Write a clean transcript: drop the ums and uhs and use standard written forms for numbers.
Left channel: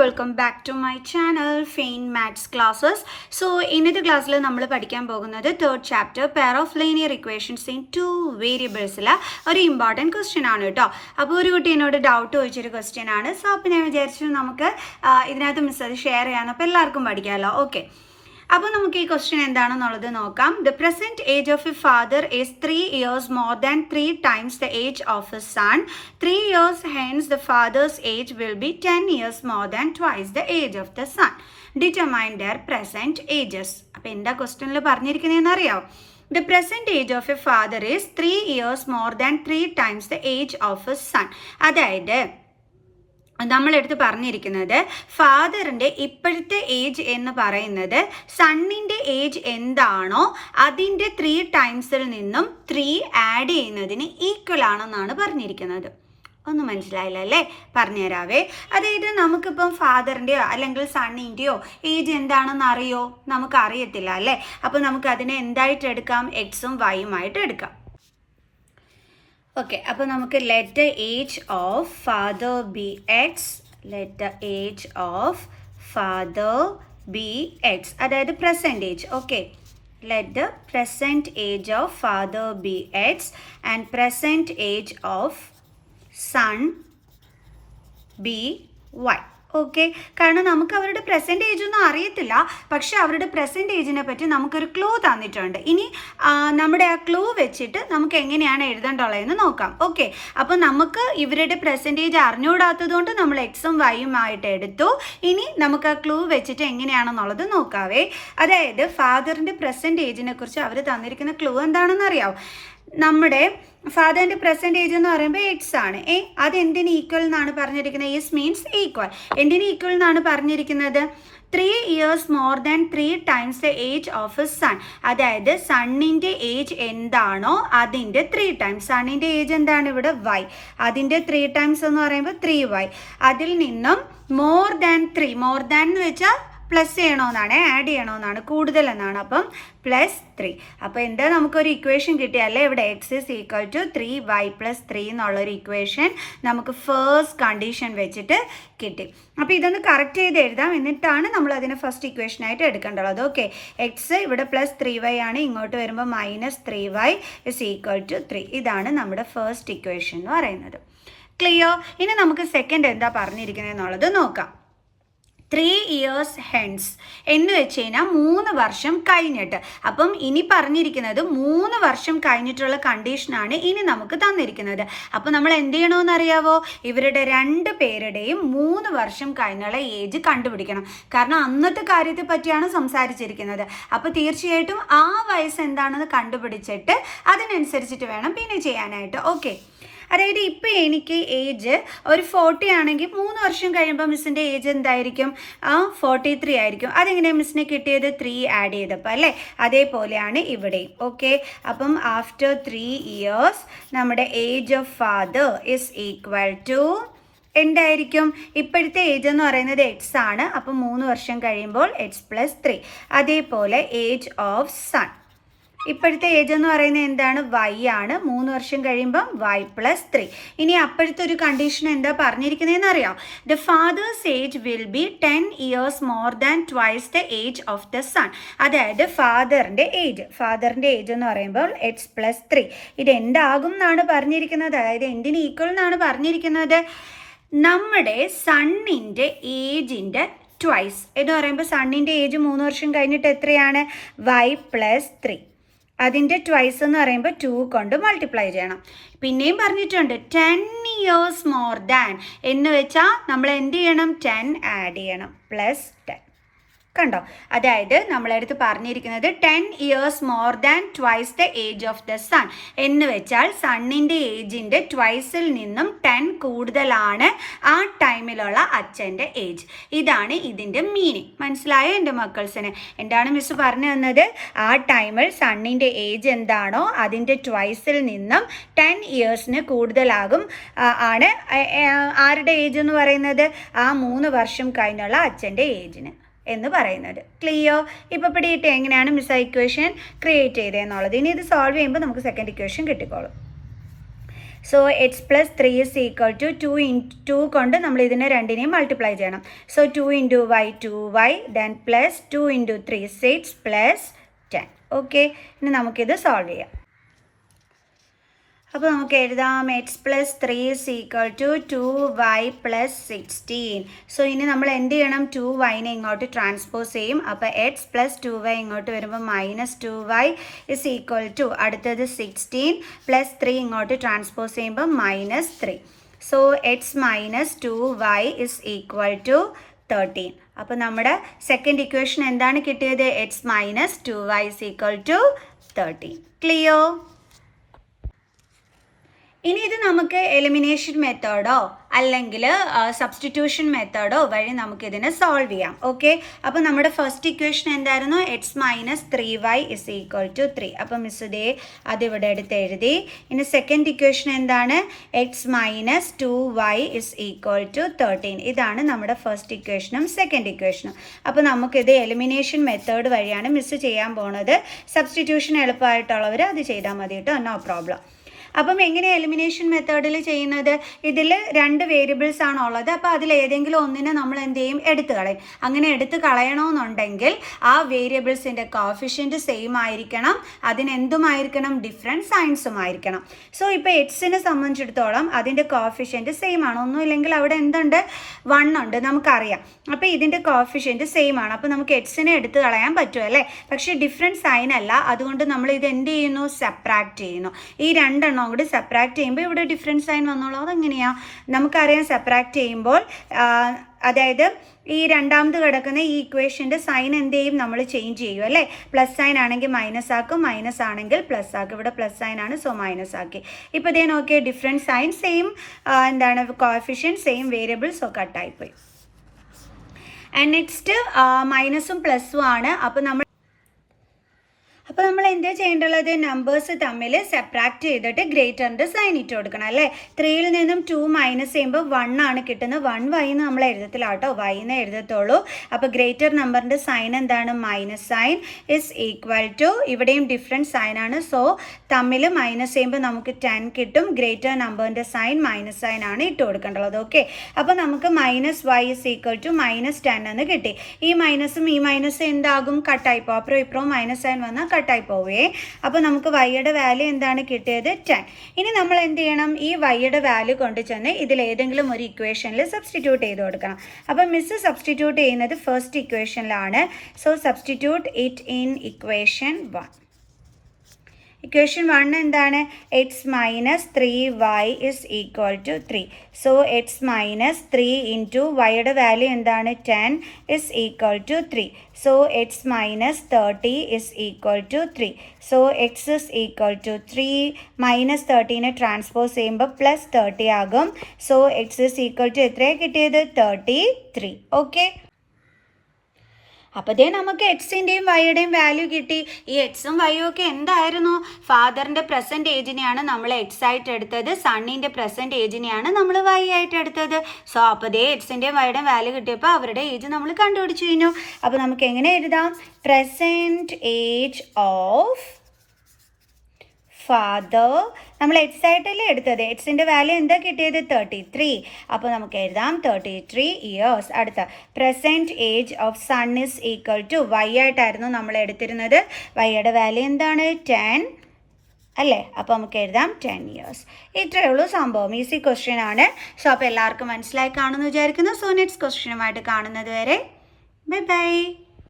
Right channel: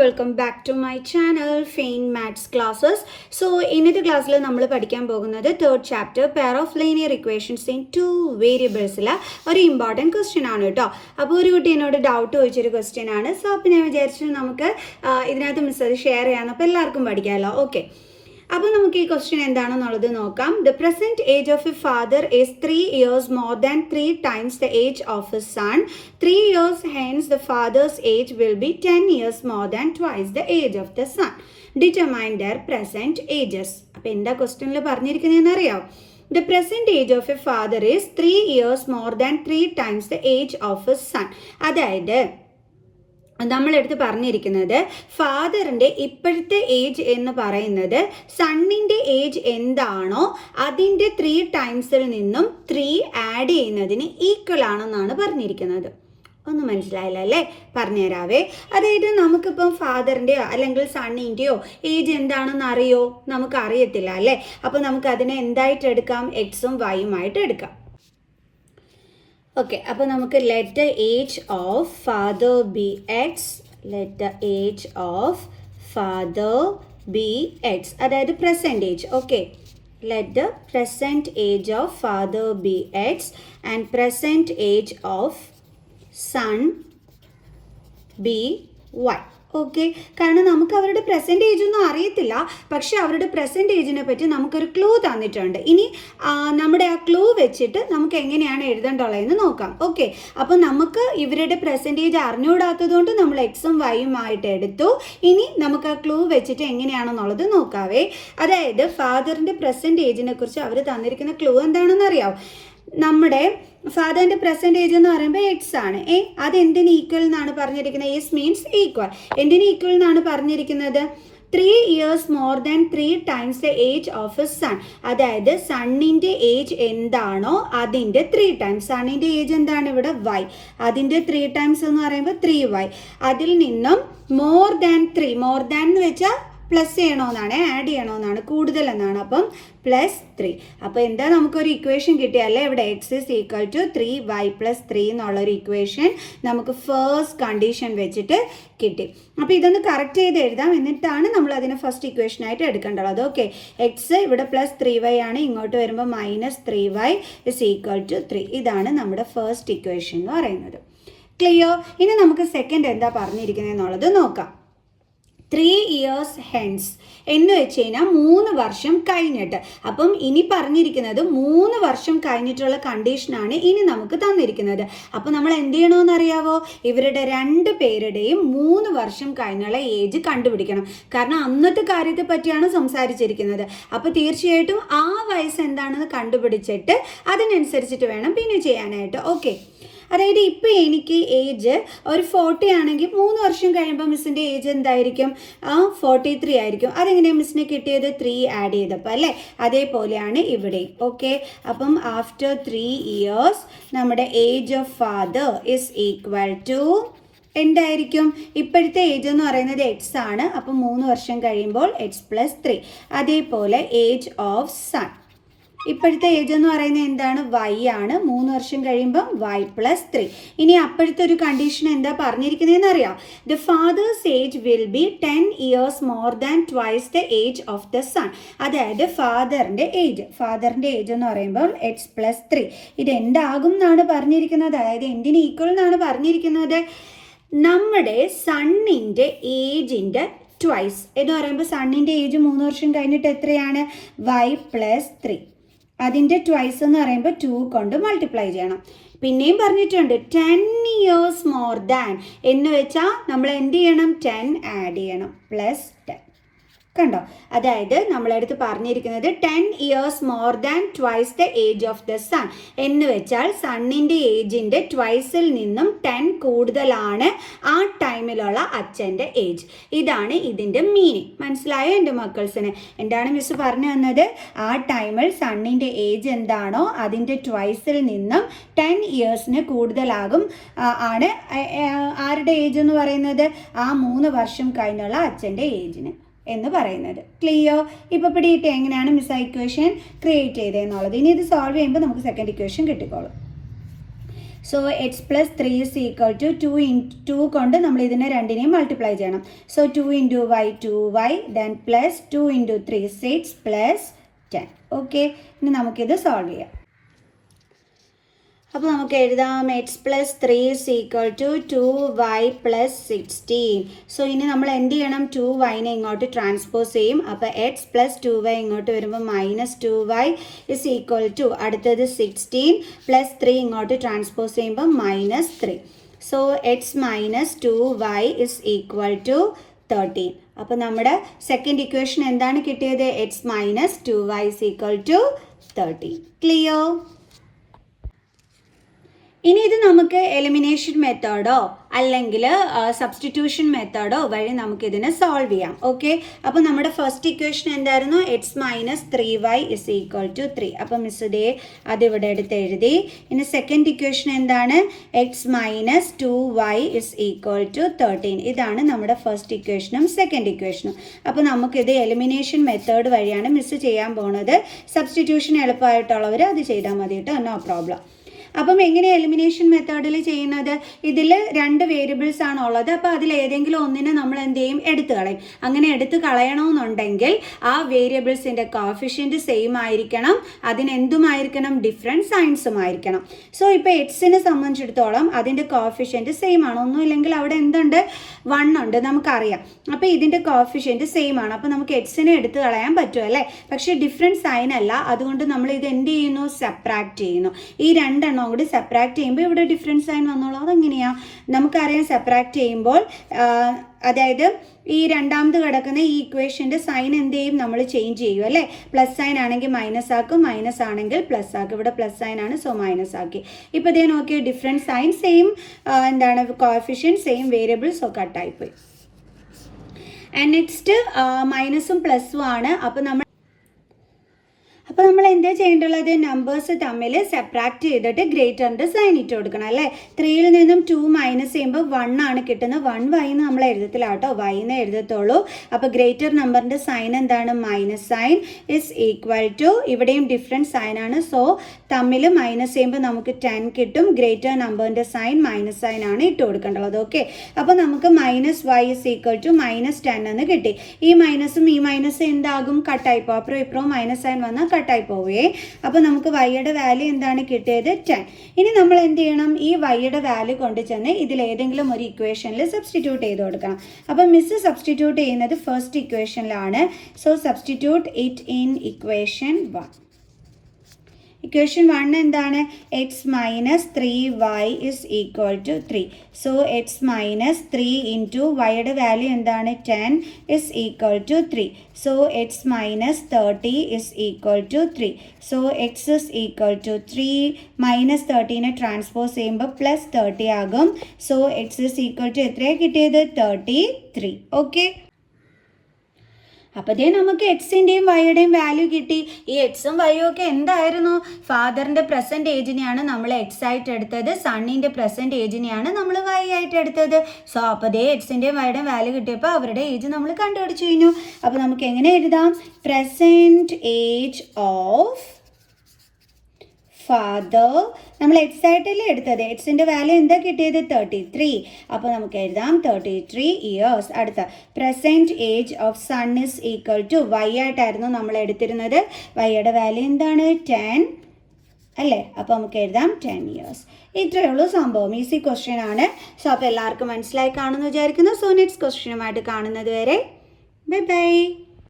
welcome back to my channel Fain Maths Classes. So ഇന്നത്തെ ക്ലാസ്സിൽ നമ്മൾ പഠിക്കാൻ പോകുന്നത് third chapter pair of linear equations in 2 വേരിയബിൾസിലെ ഒരു ഇമ്പോർട്ടൻറ്റ് ക്വസ്റ്റ്യൻ ആണ് കേട്ടോ. അപ്പോൾ ഒരു കുട്ടി എന്നോട് ഡൗട്ട് ചോദിച്ചൊരു ക്വസ്റ്റ്യൻ ആണ്. സോ അപ്പോൾ ഞാൻ വിചാരിച്ചു നമുക്ക് ഇതിനകത്ത് മിസ് അത് ഷെയർ ചെയ്യാൻ, അപ്പോൾ എല്ലാവർക്കും പഠിക്കാമല്ലോ. ഓക്കെ, അപ്പോൾ നമുക്ക് ഈ ക്വസ്റ്റ്യൻ എന്താണെന്നുള്ളത് നോക്കാം. The present age of A father is 3 years more than 3 times the age of his son. 3 years hence the father's age will be 10 years more than twice the age of the son. Determine their present ages. അപ്പോൾ എന്താ ക്വസ്റ്റ്യനിൽ പറഞ്ഞിരിക്കുന്നതെന്ന് അറിയാം. The present age of a father is 3 years more than 3 times the age of his son. അതായത് നമ്മളെടുത്ത് പറഞ്ഞിരിക്കുന്നത് ഫാദറിൻ്റെ ഇപ്പോഴത്തെ age എന്ന് പറയുന്നത് സണ്ണിൻ്റെ ഏജ് എന്താണോ അതിൻ്റെ 3 ടൈംസിൽ നിന്നും 3 ആഡ് ചെയ്യുന്നതിന് ഈക്വൽ ആണെന്നാണ് പറഞ്ഞിരിക്കുന്നത്. ഒന്നും മനസ്സിലായില്ല അല്ലേ? പറഞ്ഞുതരാവേ. അതായത് നമുക്കിപ്പം ഫാദറിൻ്റെയോ അല്ലെങ്കിൽ സണ്ണിൻ്റെയോ ഏജ് എന്താണെന്ന് അറിയോ? നമുക്ക് അറിയത്തില്ല അല്ലേ? അപ്പോൾ നമുക്കതിനെ എന്തായിട്ട് എടുക്കാം? എക്സും വൈയുമായിട്ട് എടുക്കാം. ഓക്കെ, അപ്പോൾ നമുക്ക് let the age of father be X, let the age of father be X, അതായത് present age. Okay, let the present age of father be X and present age of son be Y. Okay, കാരണം നമുക്ക് അവരുടെ present age ഒന്നും അറിയത്തില്ല, പക്ഷെ അവരുടെ present ഏജിനെ പറ്റി നമുക്കൊരു ക്ലൂ തന്നിട്ടുണ്ട്. ഇനി നമ്മുടെ ആ ക്ലൂ വെച്ചിട്ട് നമുക്ക് എങ്ങനെയാണ് എഴുതേണ്ടുള്ളതെന്ന് നോക്കാം. ഓക്കെ, അപ്പോൾ നമുക്ക് ഇവരുടെ പ്രസൻറ്റ് ഏജ് അറിഞ്ഞുകൂടാത്തത് കൊണ്ട് നമ്മൾ എക്സും വൈയുമായിട്ട് എടുത്തു. ഇനി നമുക്ക് ആ ക്ലൂ വെച്ചിട്ട് എങ്ങനെയാണെന്നുള്ളത് നോക്കാവേ. അതായത് ഫാദറിൻ്റെ പ്രസൻറ്റ് ഏജിനെ കുറിച്ച് അവർ തന്നിരിക്കുന്ന ക്ലൂ എന്താണെന്ന് അറിയാം. നമ്മുടെ ഫാദറിൻ്റെ പ്രസൻറ്റ് ഏജ് എന്ന് പറയുമ്പോൾ എക്സ് ആണ്. അതെന്തിന് ഈക്വൽ എന്നാണ് പറഞ്ഞിരിക്കുന്നത്? Is means equal. എന്തിന് ഈക്വൽ എന്നാണ് പറഞ്ഞിരിക്കുന്നത്? 3 years more than 3 times the age of his son. അതായത് സണ്ണിൻ്റെ ഏജ് എന്താണോ അതിൻ്റെ 3 ടൈംസ്. സണ്ണിൻ്റെ ഏജ് എന്താണ് ഇവിടെ? വൈ. അതിൻ്റെ 3 ടൈംസ് എന്ന് പറയുമ്പോൾ 3y. അതിൽ നിന്നും മോർ ദാൻ 3, മോർ ദാൻ എന്ന് വെച്ചാൽ പ്ലസ് ചെയ്യണമെന്നാണ്, ആഡ് ചെയ്യണമെന്നാണ്, കൂടുതൽ എന്നാണ്. അപ്പം +3. അപ്പോൾ എന്താ നമുക്കൊരു ഇക്വേഷൻ കിട്ടിയല്ലേ? ഇവിടെ X is equal to 3y + 3 എന്നുള്ളൊരു ഇക്വേഷൻ നമുക്ക് ഫസ്റ്റ് കണ്ടീഷൻ വെച്ചിട്ട് കിട്ടി. അപ്പോൾ ഇതൊന്ന് കറക്റ്റ് ചെയ്ത് എഴുതാം, എന്നിട്ടാണ് നമ്മൾ അതിനെ ഫസ്റ്റ് ഇക്വേഷനായിട്ട് എടുക്കേണ്ടത്. ഓക്കെ, എക്സ് ഇവിടെ +3y ആണ്, ഇങ്ങോട്ട് വരുമ്പോൾ -3y ഇസ് ഈക്വൽ ടു 3. ഇതാണ് നമ്മുടെ ഫസ്റ്റ് ഇക്വേഷൻ എന്ന് പറയുന്നത്. ക്ലിയർ? ഇനി നമുക്ക് സെക്കൻഡ് എന്താ പറഞ്ഞിരിക്കുന്നത് എന്നുള്ളത് നോക്കാം. 3 years hence എന്ന് വെച്ച് കഴിഞ്ഞാൽ 3 വർഷം കഴിഞ്ഞിട്ട്. അപ്പം ഇനി പറഞ്ഞിരിക്കുന്നത് 3 വർഷം കഴിഞ്ഞിട്ടുള്ള കണ്ടീഷനാണ് ഇനി നമുക്ക് തന്നിരിക്കുന്നത്. അപ്പോൾ നമ്മൾ എന്ത് ചെയ്യണമെന്ന് അറിയാവോ? ഇവരുടെ 2 പേരുടെയും 3 വർഷം കഴിഞ്ഞുള്ള ഏജ് കണ്ടുപിടിക്കണം. കാരണം അന്നത്തെ കാര്യത്തെ പറ്റിയാണ് സംസാരിച്ചിരിക്കുന്നത്. അപ്പോൾ തീർച്ചയായിട്ടും ആ വയസ്സ് എന്താണെന്ന് കണ്ടുപിടിച്ചിട്ട് അതിനനുസരിച്ചിട്ട് വേണം പിന്നെ ചെയ്യാനായിട്ട്. ഓക്കെ, അതായത് ഇപ്പോൾ എനിക്ക് ഏജ് ഒരു 40 ആണെങ്കിൽ 3 വർഷം കഴിയുമ്പോൾ മിസ്സിൻ്റെ ഏജ് എന്തായിരിക്കും? 43 ആയിരിക്കും. അതെങ്ങനെയാണ് മിസ്സിനെ കിട്ടിയത്? 3 ആഡ് ചെയ്തപ്പോൾ അല്ലേ? അതേപോലെയാണ് ഇവിടെയും. ഓക്കെ, അപ്പം ആഫ്റ്റർ 3 years നമ്മുടെ age of father is equal to എന്തായിരിക്കും? ഇപ്പോഴത്തെ ഏജ് എന്ന് പറയുന്നത് എക്സ് ആണ്. അപ്പം 3 വർഷം കഴിയുമ്പോൾ എക്സ് +3. അതേപോലെ ഏജ് ഓഫ് സൺ, ഇപ്പോഴത്തെ ഏജ് എന്ന് പറയുന്നത് എന്താണ്? വൈ ആണ്. 3 വർഷം കഴിയുമ്പം y +3. ഇനി അപ്പോഴത്തെ ഒരു കണ്ടീഷൻ എന്താ പറഞ്ഞിരിക്കുന്നതെന്ന് അറിയാം. The fathers age will be 10 years more than twice the age of the son. അതായത് ഫാദറിൻ്റെ ഏജ് എന്ന് പറയുമ്പോൾ x +3. ഇത് എന്താകും എന്നാണ് പറഞ്ഞിരിക്കുന്നത്? അതായത് എന്തിന് ഈക്വൽ എന്നാണ് പറഞ്ഞിരിക്കുന്നത്? നമ്മുടെ സണ്ണിൻ്റെ ഏജിൻ്റെ ട്വൈസ് എന്ന് പറയുമ്പോൾ സണ്ണിൻ്റെ ഏജ് 3 വർഷം കഴിഞ്ഞിട്ട് എത്രയാണ്? y +3. അതിൻ്റെ ട്വൈസ് എന്ന് പറയുമ്പോൾ 2 കൊണ്ട് മൾട്ടിപ്ലൈ ചെയ്യണം. പിന്നെയും പറഞ്ഞിട്ടുണ്ട് 10 years more than എന്ന് വെച്ചാൽ നമ്മൾ എന്ത് ചെയ്യണം? 10 ആഡ് ചെയ്യണം, +10. കണ്ടോ? അതായത് നമ്മളടുത്ത് പറഞ്ഞിരിക്കുന്നത് 10 years more than twice the age of the sun എന്ന് വെച്ചാൽ സണ്ണിൻ്റെ ഏജിൻ്റെ ട്വൈസിൽ നിന്നും 10 കൂടുതലാണ് ആ ടൈമിലുള്ള അച്ഛൻ്റെ ഏജ്. ഇതാണ് ഇതിൻ്റെ മീനിങ്. മനസ്സിലായോ എൻ്റെ മക്കൾസിന്? എന്താണ് മിസ് പറഞ്ഞു തന്നത്? ആ ടൈമിൽ സണ്ണിൻ്റെ ഏജ് എന്താണോ അതിൻ്റെ ട്വൈസിൽ നിന്നും 10 yearsന് കൂടുതലാകും ആണ് ആരുടെ ഏജ് എന്ന് പറയുന്നത്? ആ 3 വർഷം കഴിഞ്ഞുള്ള അച്ഛൻ്റെ ഏജിന് എന്ന് പറയുന്നത്. ക്ലിയർ? ഇപ്പോൾ പിടിയിട്ട് എങ്ങനെയാണ് മിസ് ഇക്വേഷൻ ക്രിയേറ്റ് ചെയ്തതെന്നുള്ളത്. ഇനി ഇത് സോൾവ് ചെയ്യുമ്പോൾ നമുക്ക് സെക്കൻഡ് ഇക്വേഷൻ കിട്ടിക്കോളും. So X plus 3 is equal to 2 കൊണ്ട് നമ്മൾ ഇതിനെ രണ്ടിനെയും മൾട്ടിപ്ലൈ ചെയ്യണം. So 2 into Y 2y then plus 2 into 3 6 plus 10. Okay, ഇനി നമുക്കിത് സോൾവ് ചെയ്യാം. അപ്പോൾ നമുക്ക് എഴുതാം X plus 3 is equal to 2y plus 16. So ഇനി നമ്മൾ എന്ത് ചെയ്യണം, 2yനെ ഇങ്ങോട്ട് ട്രാൻസ്പോസ് ചെയ്യും. അപ്പോൾ എക്സ് പ്ലസ് 2y ഇങ്ങോട്ട് വരുമ്പോൾ minus 2y is equal to അടുത്തത് 16 പ്ലസ് 3 ഇങ്ങോട്ട് ട്രാൻസ്പോസ് ചെയ്യുമ്പോൾ minus 3. So X minus 2y is equal to 13. അപ്പോൾ നമ്മുടെ സെക്കൻഡ് ഇക്വേഷൻ എന്താണ് കിട്ടിയത്, X minus 2y is equal to 13. Clear? ഇനി ഇത് നമുക്ക് എലിമിനേഷൻ മെത്തേഡോ അല്ലെങ്കിൽ സബ്സ്റ്റിറ്റ്യൂഷൻ മെത്തേഡോ വഴി നമുക്കിതിനെ സോൾവ് ചെയ്യാം. ഓക്കെ, അപ്പോൾ നമ്മുടെ ഫസ്റ്റ് ഇക്വേഷൻ എന്തായിരുന്നു, X minus 3y is equal to 3. അപ്പോൾ മിസ് ഇതേ അതിവിടെ എടുത്ത് എഴുതി. ഇനി സെക്കൻഡ് ഇക്വേഷൻ എന്താണ്, X minus 2y is equal to 13. ഇതാണ് നമ്മുടെ ഫസ്റ്റ് ഇക്വേഷനും സെക്കൻഡ് ഇക്വേഷനും. അപ്പോൾ നമുക്കിത് എലിമിനേഷൻ മെത്തേഡ് വഴിയാണ് മിസ് ചെയ്യാൻ പോകുന്നത്. സബ്സ്റ്റിറ്റ്യൂഷൻ എളുപ്പമായിട്ടുള്ളവർ അത് ചെയ്താൽ മതി കേട്ടോ, നോ പ്രോബ്ലം. അപ്പം എങ്ങനെ എലിമിനേഷൻ മെത്തേഡിൽ ചെയ്യുന്നത്, ഇതിൽ 2 വേരിയബിൾസ് ആണ് ഉള്ളത്. അപ്പോൾ അതിൽ ഏതെങ്കിലും ഒന്നിനെ നമ്മൾ എന്ത് ചെയ്യും, എടുത്തു കളയും. അങ്ങനെ എടുത്ത് കളയണമെന്നുണ്ടെങ്കിൽ ആ വേരിയബിൾസിൻ്റെ കോഫിഷ്യൻറ്റ് സെയിം ആയിരിക്കണം, അതിനെന്തുമായിരിക്കണം, ഡിഫറെൻറ്റ് സൈൻസും ആയിരിക്കണം. സോ ഇപ്പോൾ എക്സിനെ സംബന്ധിച്ചിടത്തോളം അതിൻ്റെ കോഫിഷ്യൻറ്റ് സെയിം ആണ്, ഒന്നുമില്ലെങ്കിൽ അവിടെ എന്തുണ്ട്, 1 ഉണ്ട് നമുക്കറിയാം. അപ്പോൾ ഇതിൻ്റെ കോഫിഷ്യൻറ്റ് സെയിം ആണ്, അപ്പോൾ നമുക്ക് എക്സിനെ എടുത്ത് കളയാൻ പറ്റും അല്ലേ. പക്ഷേ ഡിഫറെൻറ്റ് സൈൻ അല്ല, അതുകൊണ്ട് നമ്മൾ ഇത് എന്ത് ചെയ്യുന്നു, സെപ്പറേറ്റ് ചെയ്യുന്നു. ഈ 2 എണ്ണം കൂടി സെപ്പറേറ്റ് ചെയ്യുമ്പോൾ ഇവിടെ ഡിഫറൻസ് സൈൻ വന്നോളൂ. അതെങ്ങനെയാണ് നമുക്കറിയാം, സെപ്പറേറ്റ് ചെയ്യുമ്പോൾ അതായത് ഈ രണ്ടാമത് കിടക്കുന്ന ഈ ഇക്വേഷൻ്റെ സൈൻ എന്ത് ചെയ്യും, നമ്മൾ ചേഞ്ച് ചെയ്യും അല്ലേ. പ്ലസ് സൈൻ ആണെങ്കിൽ മൈനസ് ആക്കും, മൈനസ് ആണെങ്കിൽ പ്ലസ് ആക്കും. ഇവിടെ പ്ലസ് സൈൻ ആണ്, സോ മൈനസ് ആക്കി. ഇപ്പോൾ ഇതേ നോക്കിയാൽ ഡിഫറെൻറ്റ് സൈൻ, സെയിം എന്താണ് കോഎഫിഷ്യൻറ്റ്, സെയിം വേരിയബിൾസ് ഒക്കെ കട്ടായിപ്പോയി. ആൻഡ് നെക്സ്റ്റ് മൈനസും പ്ലസ്സും ആണ്. അപ്പോൾ നമ്മൾ എന്താ ചെയ്യേണ്ടുള്ളത്, നമ്പേഴ്സ് തമ്മിൽ സെപ്പറേറ്റ് ചെയ്തിട്ട് ഗ്രേറ്ററിൻ്റെ സൈൻ ഇട്ട് കൊടുക്കണം അല്ലേ. 3യിൽ നിന്നും 2 മൈനസ് ചെയ്യുമ്പോൾ 1 ആണ് കിട്ടുന്നത്. 1y എന്ന് നമ്മൾ എഴുതത്തില്ല കേട്ടോ, y എന്ന് എഴുതത്തുള്ളൂ. അപ്പോൾ ഗ്രേറ്റർ നമ്പറിൻ്റെ സൈൻ എന്താണ്, minus sign is equal to, ഇവിടെയും ഡിഫറെൻറ്റ് സൈൻ ആണ്, സോ തമ്മിൽ മൈനസ് ചെയ്യുമ്പോൾ നമുക്ക് 10 കിട്ടും. ഗ്രേറ്റർ നമ്പറിൻ്റെ സൈൻ മൈനസ് സൈൻ ആണ് ഇട്ട് കൊടുക്കേണ്ടത്. ഓക്കെ, അപ്പോൾ നമുക്ക് minus y is equal to minus 10 എന്ന് കിട്ടി. ഈ മൈനസും ഈ മൈനസ് എന്താകും, കട്ടായിപ്പോൾ. അപ്പുറം ഇപ്പുറവും മൈനസ് സൈൻ വന്നാൽ കട്ടായി പോവേ. അപ്പോൾ നമുക്ക് വൈയുടെ വാല്യൂ എന്താണ് കിട്ടിയത്, 10. ഇനി നമ്മൾ എന്ത് ചെയ്യണം, ഈ വൈയുടെ വാല്യൂ കൊണ്ട് ചെന്ന് ഇതിലേതെങ്കിലും ഒരു ഇക്വേഷനിൽ സബ്സ്റ്റിറ്റ്യൂട്ട് ചെയ്ത് കൊടുക്കണം. അപ്പോൾ മിസ് സബ്സ്റ്റിറ്റ്യൂട്ട് ചെയ്യുന്നത് ഫസ്റ്റ് ഇക്വേഷനിലാണ്. So substitute it in equation 1. Equation 1 എന്താണ്, X minus 3y is equal to 3. So X minus 3 into വൈയുടെ വാല്യൂ എന്താണ്, 10 is equal to 3. So X minus 30 is equal to 3. So X is equal to 3. Minus 30നെ transpose ചെയ്യുമ്പോൾ plus 30 ആകും. So X is equal to എത്രയാണ് കിട്ടിയത്, 33. Okay, അപ്പോൾ അതേ നമുക്ക് എക്സിൻ്റെയും വൈയുടെയും വാല്യൂ കിട്ടി. ഈ എക്സും വൈയും ഒക്കെ എന്തായിരുന്നു, ഫാദറിൻ്റെ പ്രസൻറ്റ് ഏജിനെയാണ് നമ്മൾ എക്സ് ആയിട്ട് എടുത്തത്, സണ്ണിൻ്റെ പ്രസൻറ്റ് ഏജിനെയാണ് നമ്മൾ വൈ ആയിട്ട് എടുത്തത്. സോ അപ്പോൾ അതേ എക്സിൻ്റെയും വൈയുടെയും വാല്യൂ കിട്ടിയപ്പോൾ അവരുടെ ഏജ് നമ്മൾ കണ്ടുപിടിച്ച് കഴിഞ്ഞു. അപ്പോൾ നമുക്ക് എങ്ങനെ എഴുതാം, പ്രസൻറ്റ് ഏജ് ഓഫ് ഫാദർ, നമ്മൾ എക്സ് ആയിട്ടല്ലേ എടുത്തത്, എക്സിൻ്റെ വാല്യൂ എന്താ കിട്ടിയത്, 33. അപ്പോൾ നമുക്ക് എഴുതാം 33 ഇയേഴ്സ്. അടുത്ത present age of son is equal to, Y ആയിട്ടായിരുന്നു നമ്മൾ എടുത്തിരുന്നത്, വൈയുടെ വാല്യൂ എന്താണ്, 10 അല്ലേ. അപ്പോൾ നമുക്ക് എഴുതാം 10 ഇയേഴ്സ്. ഇത്രയേ ഉള്ളൂ സംഭവം, ഈസി ക്വസ്റ്റ്യൻ ആണ്. സോ അപ്പോൾ എല്ലാവർക്കും മനസ്സിലായി കാണുമെന്ന് വിചാരിക്കുന്നു. സോ നെക്സ്റ്റ് ക്വസ്റ്റ്യനുമായിട്ട് കാണുന്നത് വരെ ബൈ ബൈ.